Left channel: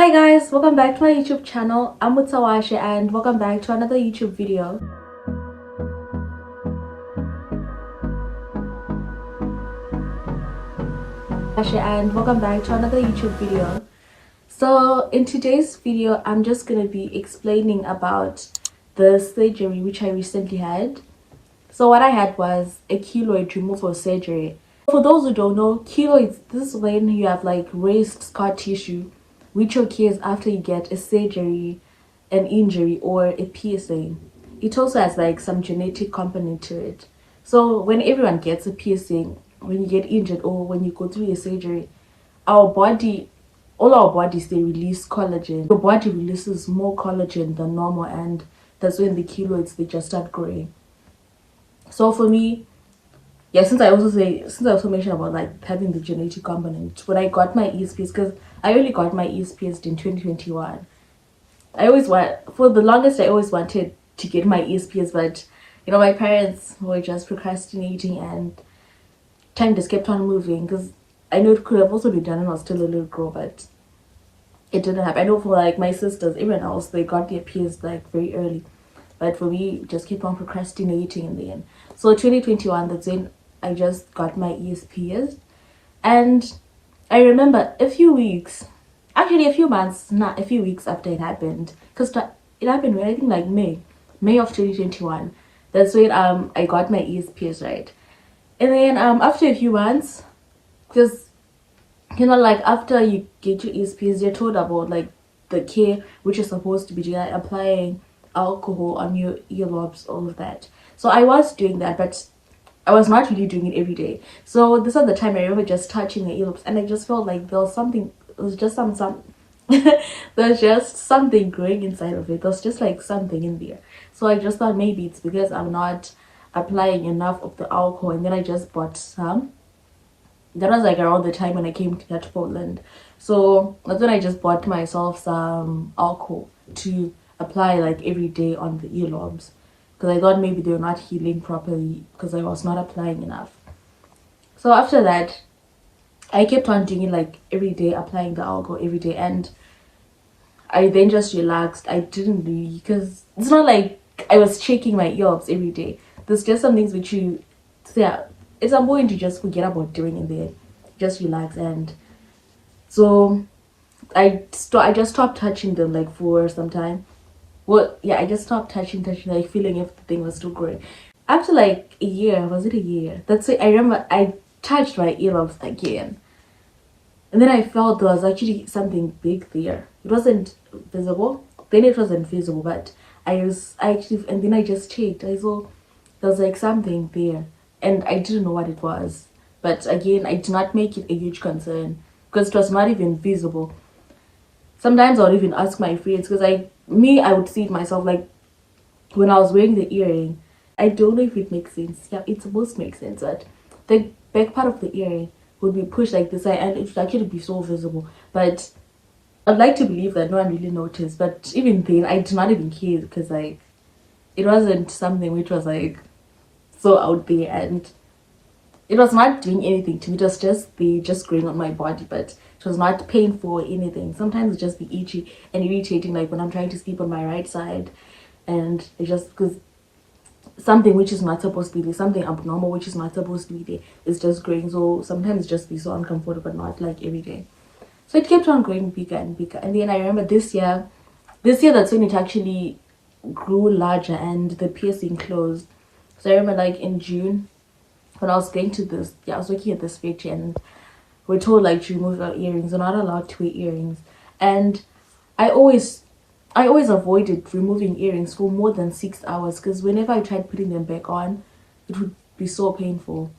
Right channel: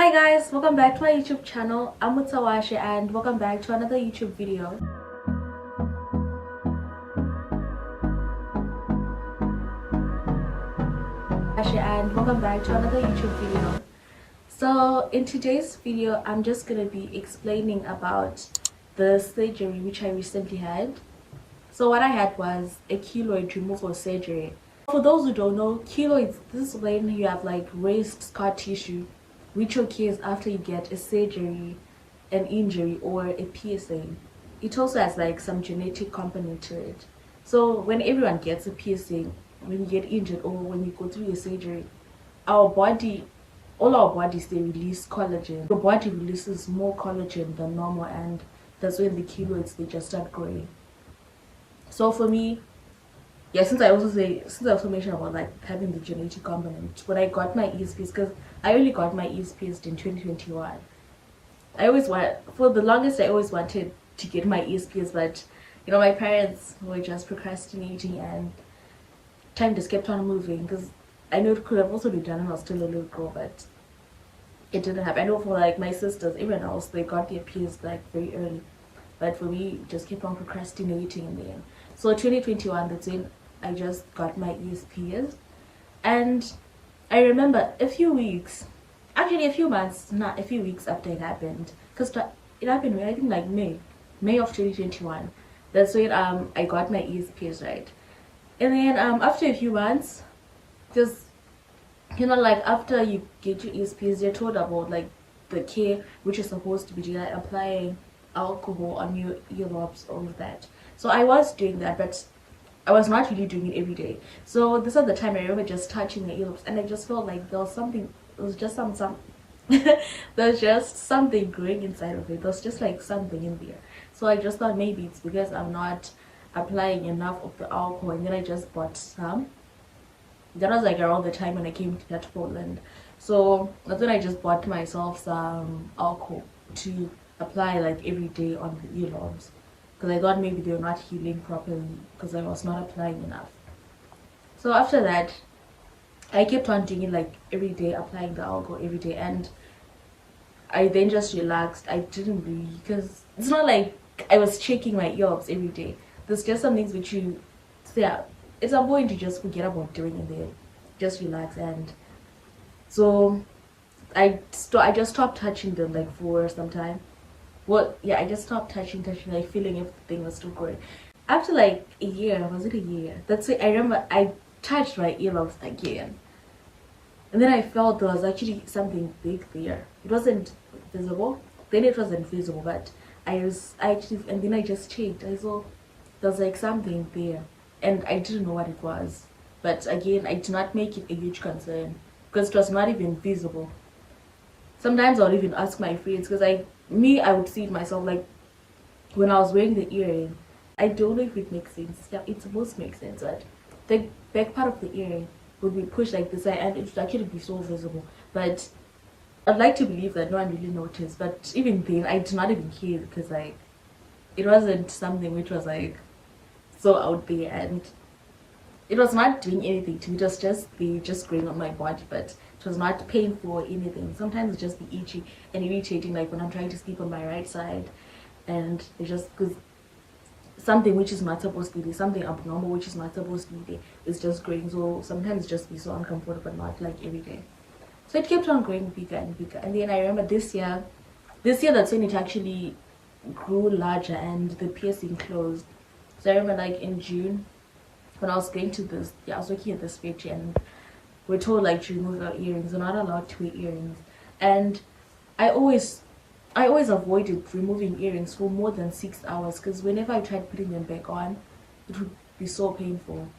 Hi guys, welcome back to my YouTube channel. I'm Mutawashe and welcome back to another YouTube video. So in today's video, I'm just gonna be explaining about the surgery which I recently had. So what I had was a keloid removal surgery. For those who don't know, keloids, this is when you have like raised scar tissue which occurs after you get a surgery, an injury, or a piercing. It also has like some genetic component to it. So when everyone gets a piercing, when you get injured or when you go through a surgery, our body, all our bodies, they release collagen. Your body releases more collagen than normal, and that's when the keloids, they just start growing. So for me, yeah, since I also mentioned about like having the genetic component, when I got my ears pierced, because I only got my ears pierced in 2021. For the longest I always wanted to get my ears pierced, but you know, my parents were just procrastinating and time just kept on moving, because I know it could have also been done when I was still a little girl, but it didn't happen. I know for like my sisters, everyone else, they got their pierced like very early, but for me, just kept on procrastinating in the end. So 2021, that's when I just got my ears pierced. And I remember a few weeks, actually a few months, not a few weeks after it happened, because it happened when I think like May of 2021. That's when I got my ears pierced, right? And then after a few months, because you know, like after you get your ears pierced, you're told about like the care which is supposed to be doing, like applying alcohol on your earlobes, all of that. So I was doing that, but I was not really doing it every day. So this was the time I remember just touching the earlobes, and I just felt like there was something. It was just some there's just something growing inside of it. There's just like something in there. So I just thought maybe it's because I'm not applying enough of the alcohol, and then I just bought some. That was like around the time when I came here to Portland. So that's when I just bought myself some alcohol to apply like every day on the earlobes, because I thought maybe they were not healing properly because I was not applying enough. So after that, I kept on doing it like every day, applying the alcohol every day, and I then just relaxed. I didn't really, because it's not like I was checking my earlobes every day. There's just some things which you say, yeah, it's a point to just forget about doing it there. Just relax. And so I just stopped touching them like for some time. Well, yeah, I just stopped touching, like feeling if the thing was still growing. After like a year, was it a year? That's it. I remember I touched my earlobes again, and then I felt there was actually something big there. It wasn't visible. Then it wasn't visible, but I actually, and then I just checked. I saw there was like something there, and I didn't know what it was. But again, I did not make it a huge concern because it was not even visible. Sometimes I would even ask my friends, because I would see it myself, like when I was wearing the earring. I don't know if it makes sense. Yeah, it's supposed to make sense, but the back part of the earring would be pushed like this, and it would actually be so visible. But I'd like to believe that no one really noticed. But even then, I did not even care, because like it wasn't something which was like so out there, and it was not doing anything to me. It was just growing on my body, but it was not painful or anything. Sometimes it just be itchy and irritating, like when I'm trying to sleep on my right side, and it just, because something which is not supposed to be there, something abnormal which is not supposed to be there, is just growing. So sometimes it just be so uncomfortable, but not like every day. So it kept on growing bigger and bigger, and then I remember this year that's when it actually grew larger and the piercing closed. So I remember like in June, when I was going to this, yeah, I was working at this factory, and we're told like to remove our earrings. We're not allowed to wear earrings, and I always avoided removing earrings for more than 6 hours, because whenever I tried putting them back on, it would be so painful.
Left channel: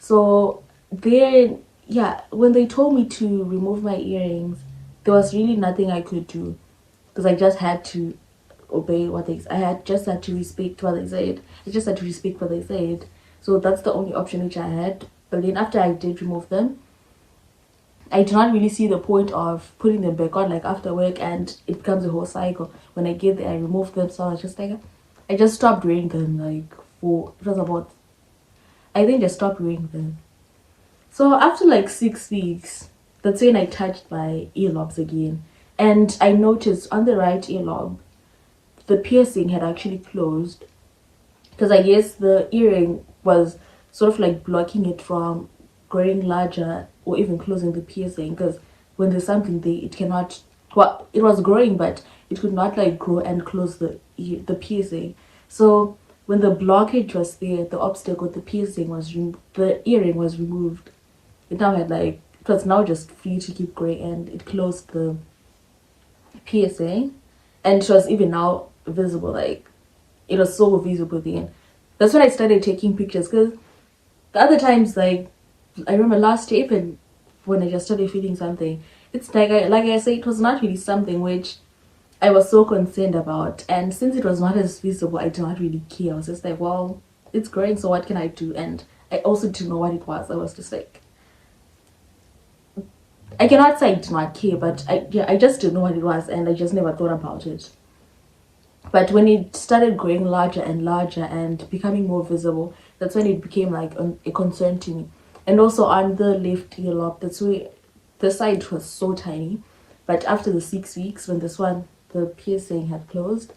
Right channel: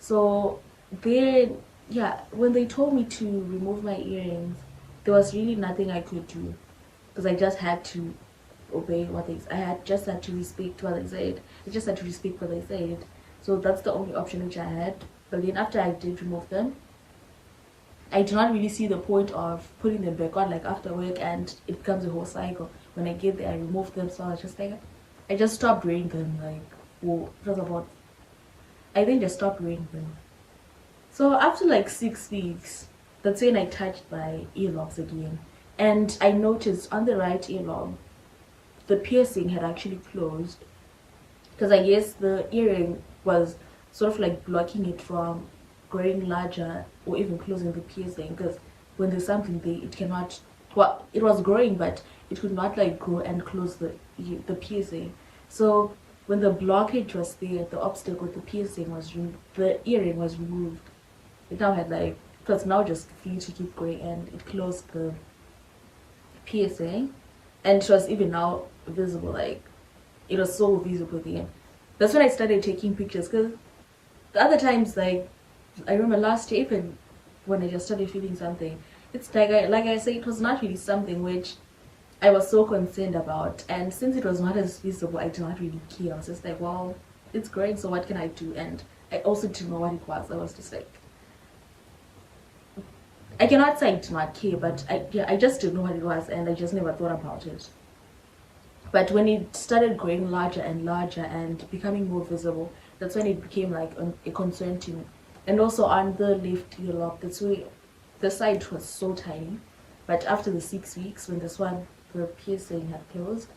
So then, yeah, when they told me to remove my earrings, there was really nothing I could do, because I just had to obey what they. Just had to respect what they said. I just had to respect what they said. So that's the only option which I had. But then after I did remove them, I do not really see the point of putting them back on like after work, and it becomes a whole cycle. When I get there, I remove them. So I was just like, I just stopped wearing them like it was about, I think I stopped wearing them. So after like 6 weeks, that's when I touched my earlobes again. And I noticed on the right earlobe the piercing had actually closed, because I guess the earring was sort of like blocking it from growing larger or even closing the piercing. Because when there's something there, it cannot. Well, it was growing, but it could not like grow and close the piercing. So when the blockage was there, the obstacle, the piercing was the earring was removed. It now had like, it was now just free to keep growing, and it closed the piercing, and it was even now visible. Like, it was so visible then. That's when I started taking pictures, because the other times, like, I remember last year, even when I just started feeling something, it's like I say, it was not really something which I was so concerned about. And since it was not as visible, I did not really care. I was just like, well, it's growing, so what can I do? And I also didn't know what it was. I was just like, I cannot say I did not care, but I just didn't know what it was, and I just never thought about it. But when it started growing larger and larger and becoming more visible, that's when it became like a concern to me. And also on the left earlobe, that's where the side was so tiny. But after the 6 weeks, when the piercing had closed,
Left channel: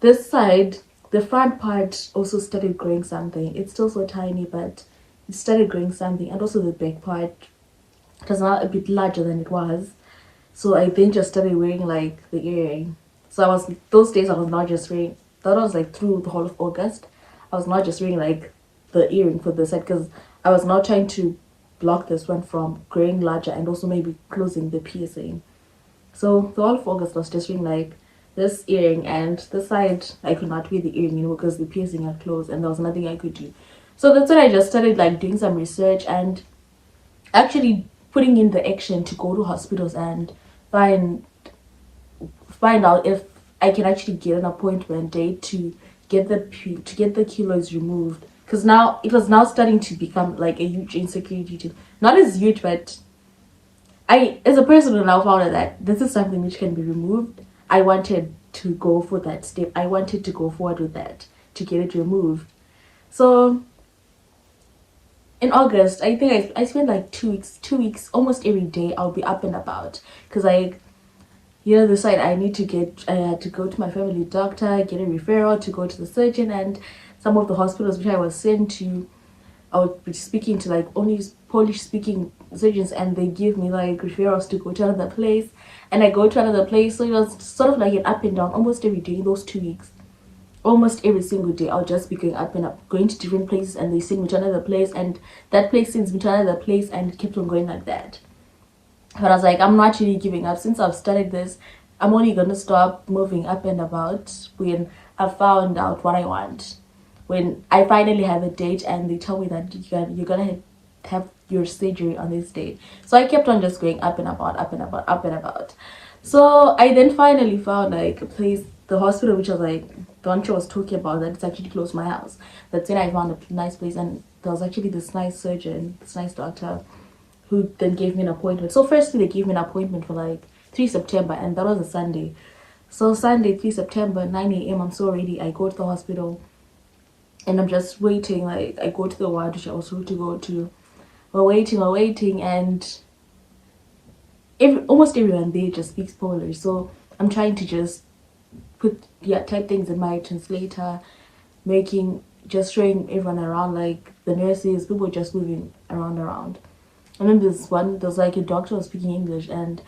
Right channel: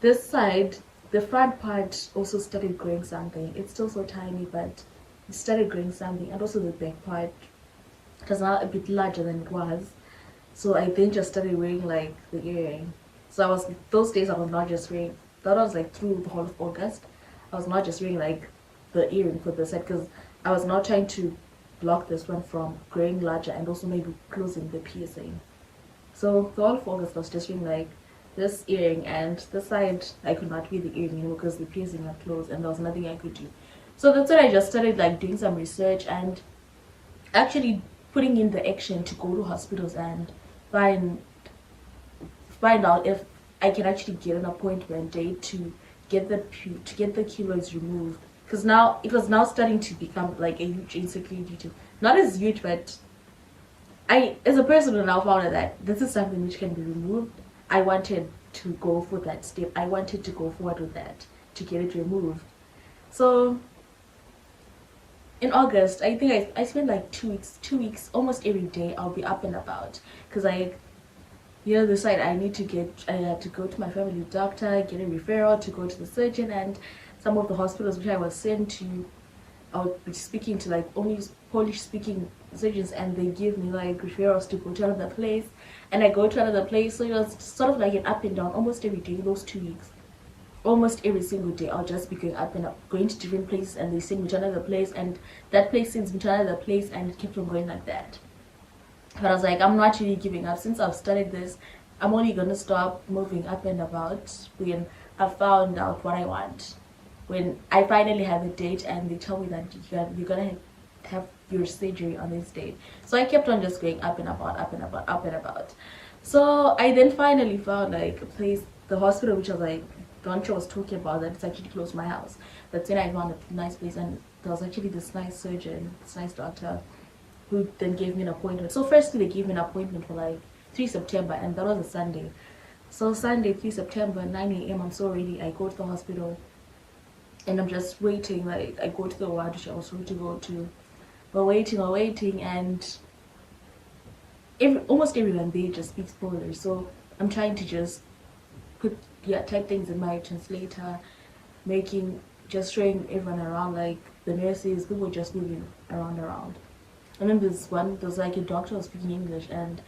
this side, the front part also started growing something. It's still so tiny, but it started growing something. And also the back part, it was now a bit larger than it was. So I then just started wearing like the earring. So those days I was not just wearing, that was like through the whole of August. I was not just wearing like the earring for the side, because I was now trying to block this one from growing larger and also maybe closing the piercing. So the whole of August I was just wearing like this earring, and the side I could not wear the earring anymore because the piercing had closed and there was nothing I could do. So that's when I just started like doing some research and actually putting in the action to go to hospitals and find out if I can actually get an appointment date to get the keloids removed. Because now it was now starting to become like a huge insecurity too. Not as huge, but I, as a person who now found out that this is something which can be removed, I wanted to go for that step. I wanted to go forward with that to get it removed. So in August, I think I spent like 2 weeks, almost every day I'll be up and about, because decide I had to go to my family doctor, get a referral to go to the surgeon, and some of the hospitals which I was sent to, I would be speaking to like only Polish speaking surgeons, and they give me like referrals to go to another place, and I go to another place. So it was sort of like an up and down almost every day, those 2 weeks. Almost every single day I'll just be going up and up, going to different places, and they send me to another place, and that place sends me to another place, and it kept on going like that. But I was like, I'm not really giving up. Since I've started this, I'm only gonna stop moving up and about when I found out what I want. When I finally have a date and they tell me that you're gonna have your surgery on this date. So I kept on just going up and about, up and about, up and about. So I then finally found like a place, the hospital which was like the one she was talking about, that it's actually close to my house. That's when I found a nice place, and there was actually this nice surgeon, this nice doctor, who then gave me an appointment. So firstly they gave me an appointment for like 3 September, and that was a Sunday. So Sunday 3 September 9 a.m. I'm so ready. I go to the hospital and I'm just waiting. Like, I go to the ward which I was supposed to go to. We're waiting, and almost everyone there just speaks Polish. So I'm trying to just type things in my translator, just showing everyone around, like the nurses, people just moving around. And then there's like a doctor was speaking English, and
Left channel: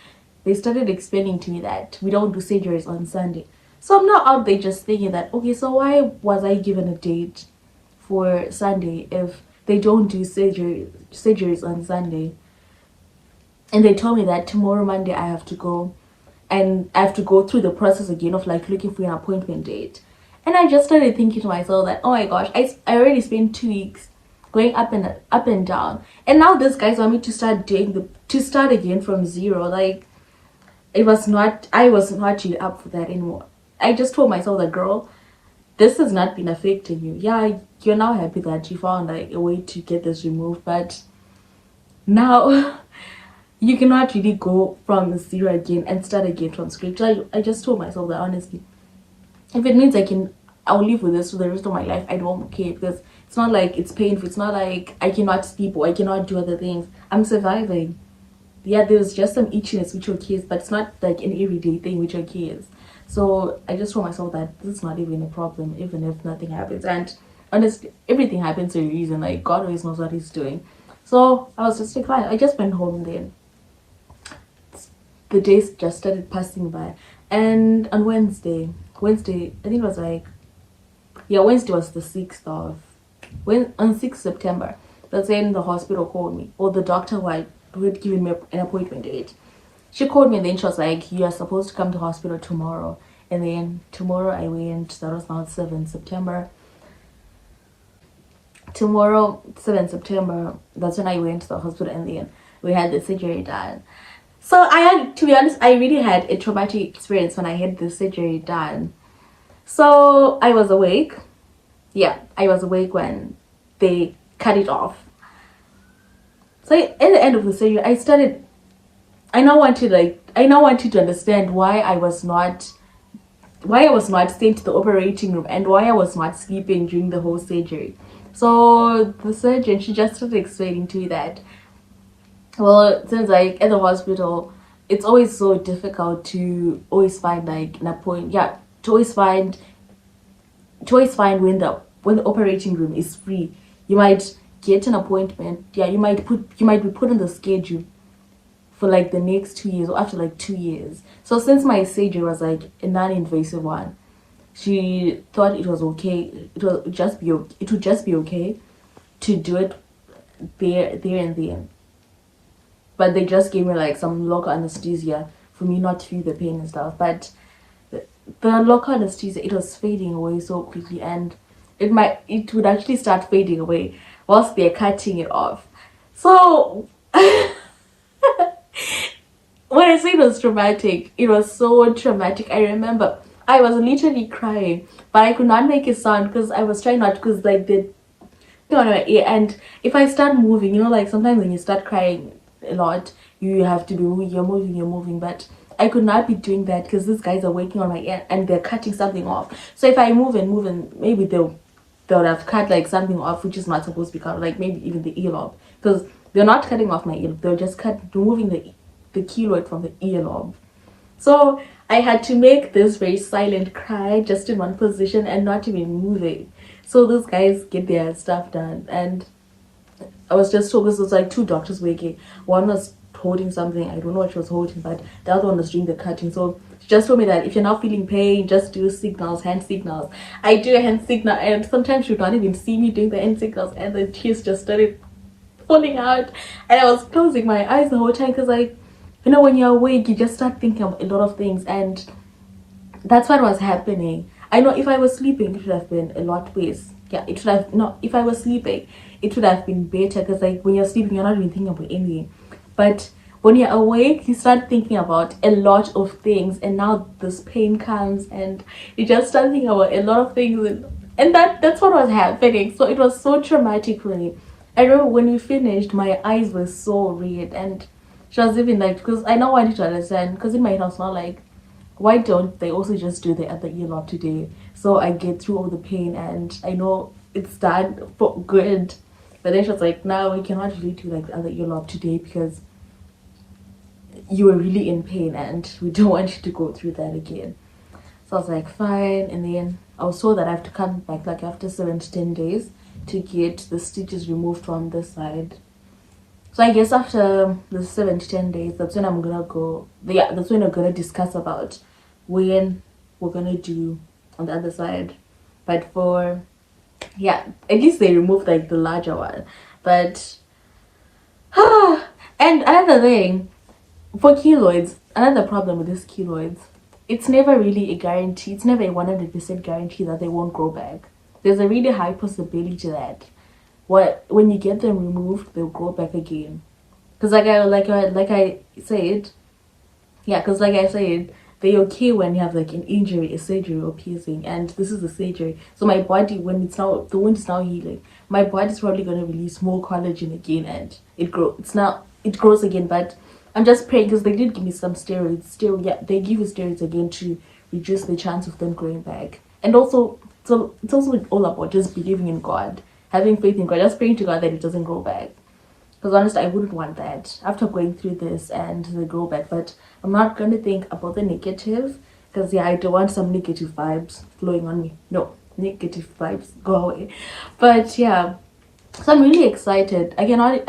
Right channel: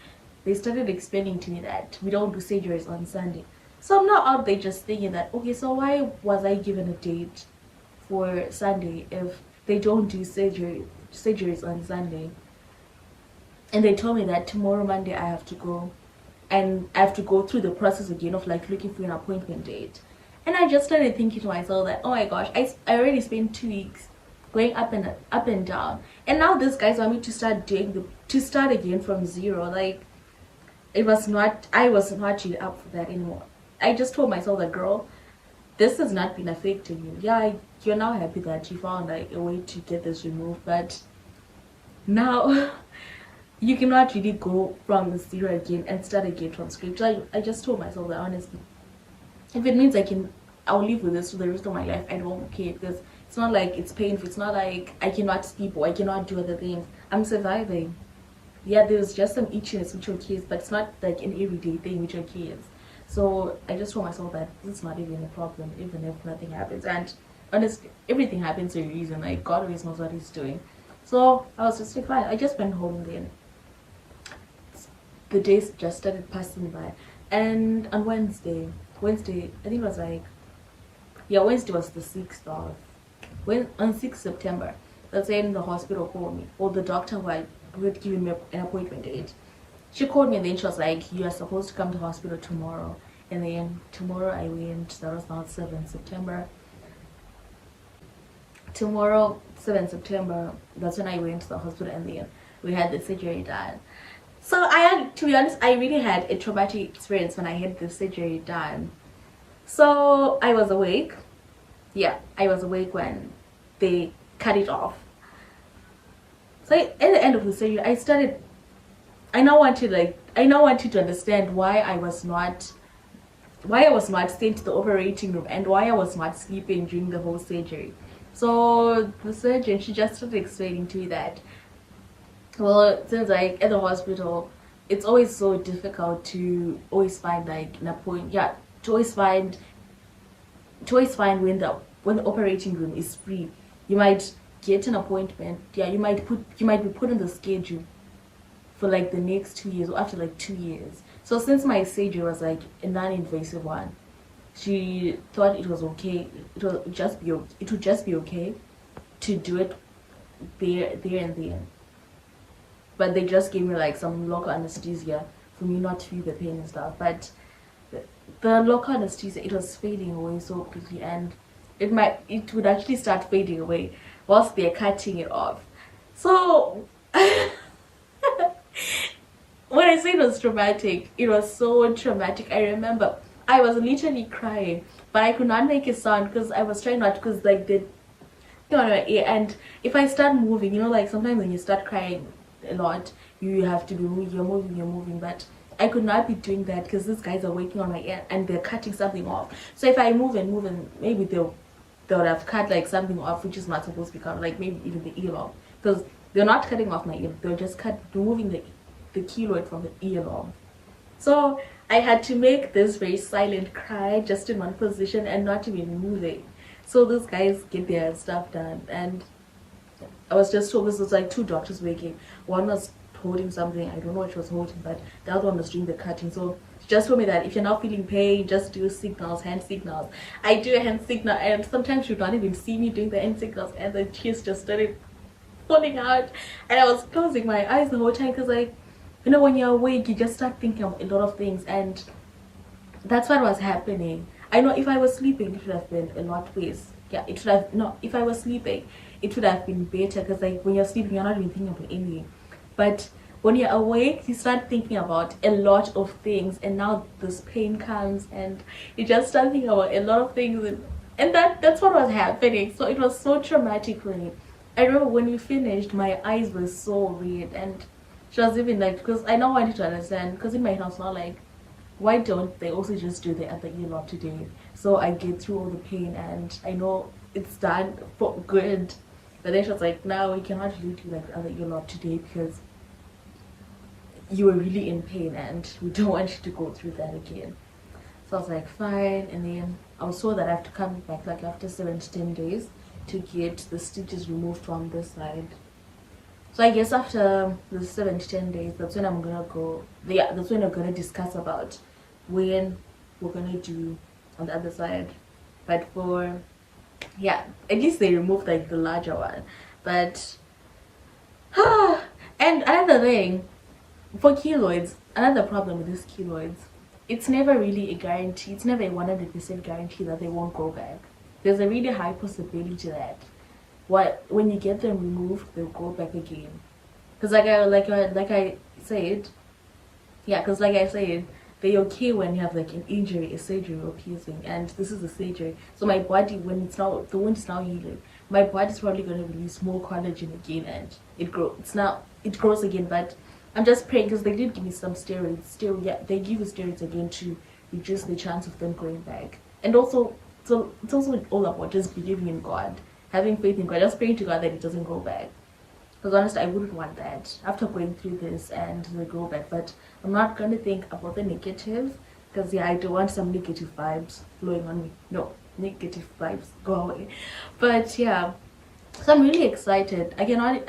they started explaining to me that we don't do surgeries on Sunday. So I'm not out there just thinking that, okay, so why was I given a date for Sunday if they don't do surgeries on Sunday? And they told me that tomorrow, Monday, I have to go, and I have to go through the process again of like looking for an appointment date. And I just started thinking to myself that, oh my gosh, I already spent 2 weeks going up and down, and now these guys want me to start again from zero. Like, I was not really up for that anymore. I just told myself that, girl, this has not been affecting you. Yeah, you're now happy that you found like a way to get this removed, but now you cannot really go from zero again and start again from scratch. I just told myself that, honestly, if it means I'll live with this for the rest of my life, I don't care, because it's not like it's painful. It's not like I cannot sleep or I cannot do other things. I'm surviving. yeah, there was just some itchiness with your kids, but it's not like an everyday thing with your kids. So I just told myself that this is not even a problem, even if nothing happens. And honestly, everything happens for a reason. Like God always knows what He's doing. So I was just like, fine. I just went home then. The days just started passing by, and on Wednesday, I think it was like, yeah, Wednesday was the 6th of when on 6th September. That's when the hospital called me, or the doctor who had given me an appointment date. She called me and then she was like, you are supposed to come to hospital tomorrow. And then tomorrow I went. That was now 7th September. Tomorrow, 7th September, that's when I went to the hospital, and then we had the surgery done. So I had, to be honest, I really had a traumatic experience when I had the surgery done. So I was awake. Yeah, I was awake when they cut it off. So at the end of the surgery, I now wanted to understand why I was not sent to the operating room and why I was not sleeping during the whole surgery. So the surgeon, she just started explaining to me that, well, since like at the hospital, it's always so difficult to always find like an appointment. Yeah, to always find when the operating room is free. You might get an appointment. Yeah, you might be put on the schedule for like the next 2 years or after like 2 years. So since my surgery was like a non-invasive one, she thought it was okay. It would just be okay to do it there and then. But they just gave me like some local anesthesia for me not to feel the pain and stuff. But the local anesthesia, it was fading away so quickly, and it would actually start fading away whilst they're cutting it off. So when I say it was traumatic, it was so traumatic. I remember I was literally crying, but I could not make a sound because I was trying not, because like the on my ear, and if I start moving, like sometimes when you start crying a lot, you have to be moving, you're moving, but I could not be doing that because these guys are working on my ear and they're cutting something off. So if I move and maybe they'll have cut like something off which is not supposed to be cut, like maybe even the earlobe, because they're not cutting off my ear, they're just removing the keloid from the earlobe. So I had to make this very silent cry just in one position and not even moving. So those guys get their stuff done, and I was just told, because it was like 2 doctors working. One was holding something, I don't know what she was holding, but the other one was doing the cutting. So she just told me that if you're not feeling pain, just do signals, hand signals. I do a hand signal, and sometimes she would not even see me doing the hand signals, and the tears just started falling out, and I was closing my eyes the whole time because, like, when you're awake, you just start thinking of a lot of things, and that's what was happening. I know if I was sleeping, it would have been a lot worse. Yeah, it should have, no, if I was sleeping, it would have been better, because like when you're sleeping, you're not even thinking about anything. But when you're awake, you start thinking about a lot of things, and now this pain comes and you just start thinking about a lot of things, and that's what was happening. So it was so traumatic for me. I remember when we finished, my eyes were so red, and she was even like, because I now wanted to understand, because in my head I was not like, why don't they also just do the other earlobe today, so I get through all the pain and I know it's done for good. But then she was like, no, we cannot really do like the other earlobe today because you were really in pain and we don't want you to go through that again. So I was like, fine. And then I was told that I have to come back like after 7 to 10 days to get the stitches removed from this side. So I guess after the 7 to 10 days, that's when I'm gonna go. Yeah, that's when we're gonna discuss about when we're gonna do on the other side. But for, yeah, at least they removed like the larger one. But and another thing for keloids, another problem with these keloids, it's never really a guarantee. It's never a 100% guarantee that they won't grow back. There's a really high possibility that when you get them removed, they'll grow back again. Because like I said, they're okay when you have like an injury, a surgery or piercing, and this is a surgery. So my body, when the wound is now healing, my body's probably gonna release more collagen again, and it grows again. But I'm just praying, because they did give me some steroids. Yeah, they give you steroids again to reduce the chance of them growing back. And also, so it's also all about just believing in God, having faith in God, just praying to God that it doesn't grow back. because honestly I wouldn't want that after going through this and the grow back. But I'm not gonna think about the negative, because yeah, I don't want some negative vibes flowing on me. No, negative vibes, go away. But yeah, so I'm really excited. I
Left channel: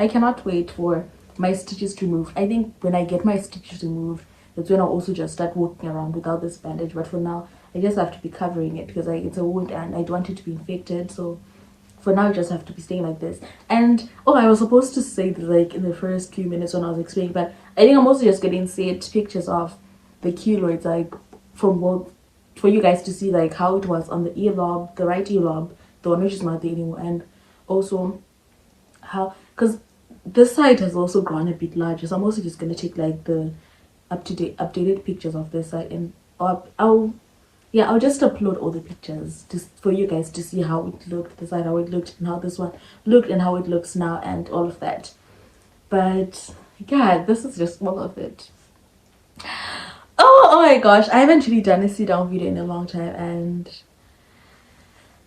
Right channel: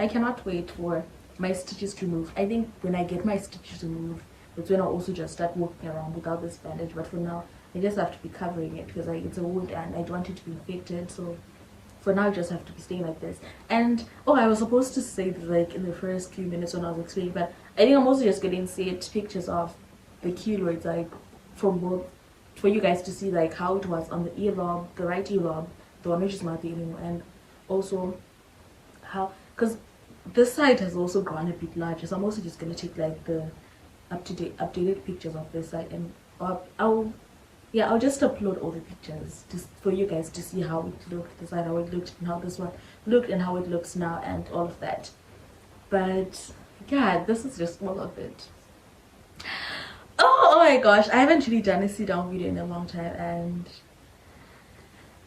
cannot wait for my stitches to move. I think when I get my stitches removed, that's when I'll also just start walking around without this bandage. But for now, I just have to be covering it because it's a wound and I don't want it to be infected. So for now, I just have to be staying like this. And oh, I was supposed to say this like in the first few minutes when I was explaining, but I think I'm also just getting set pictures of the keloids, like from both, for you guys to see like how it was on the ear lobe, the right ear lobe, the one which is not there anymore, and also how, because this side has also grown a bit larger. So I'm also just gonna take like the updated pictures of this side, and I'll just upload all the pictures just for you guys to see how it looked, the side how it looked, and how this one looked, and how it looks now, and all of that. But yeah, this is just all of it. Oh my gosh, I haven't really done a sit down video in a long time, and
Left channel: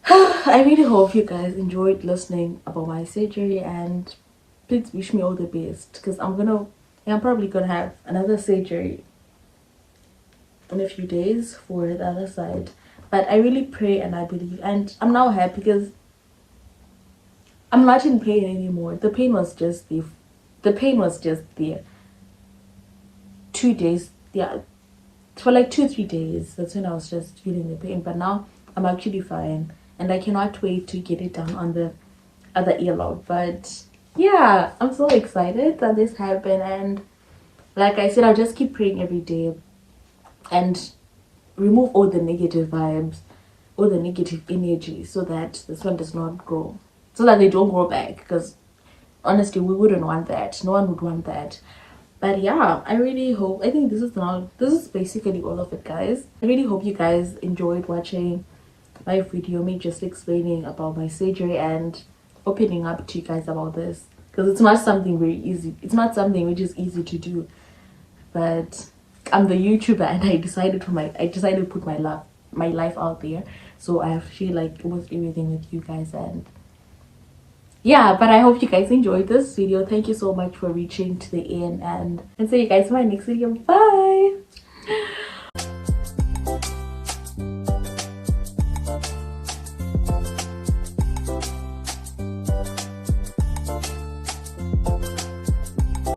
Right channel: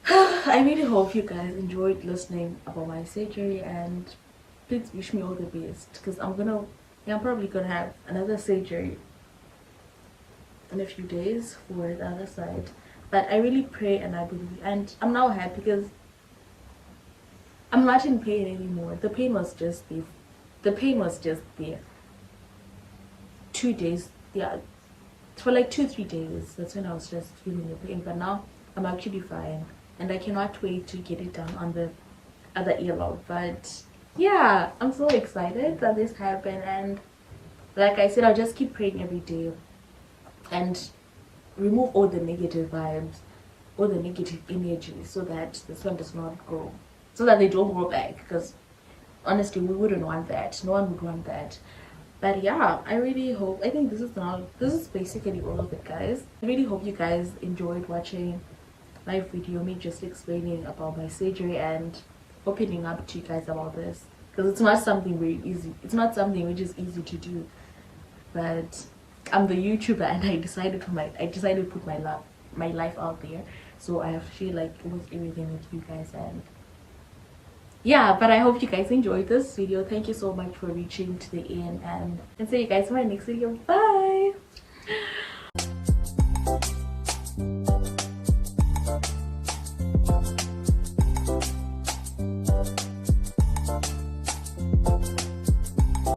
I really hope you guys enjoyed listening about my surgery, and please wish me all the best, because I'm probably gonna have another surgery in a few days for the other side. But I really pray and I believe, and I'm now happy because I'm not in pain anymore. The pain was just there 2 days, yeah, for like 2-3 days. That's when I was just feeling the pain, but now I'm actually fine, and I cannot wait to get it done on the other earlobe. But yeah, I'm so excited that this happened, and like I said, I'll just keep praying every day and remove all the negative vibes, all the negative energy, so that this one does not grow, so that they don't grow back, because honestly we wouldn't want that. No one would want that. But yeah, I really hope, I think this is basically all of it, guys. I really hope you guys enjoyed watching my video, me just explaining about my surgery and opening up to you guys about this, because it's not something very easy. It's not something which is easy to do, but I'm the YouTuber, and I decided to put my life out there, so I have to share like almost everything with you guys. And yeah, but I hope you guys enjoyed this video. Thank you so much for reaching to the end, and see you guys in my next video. Bye.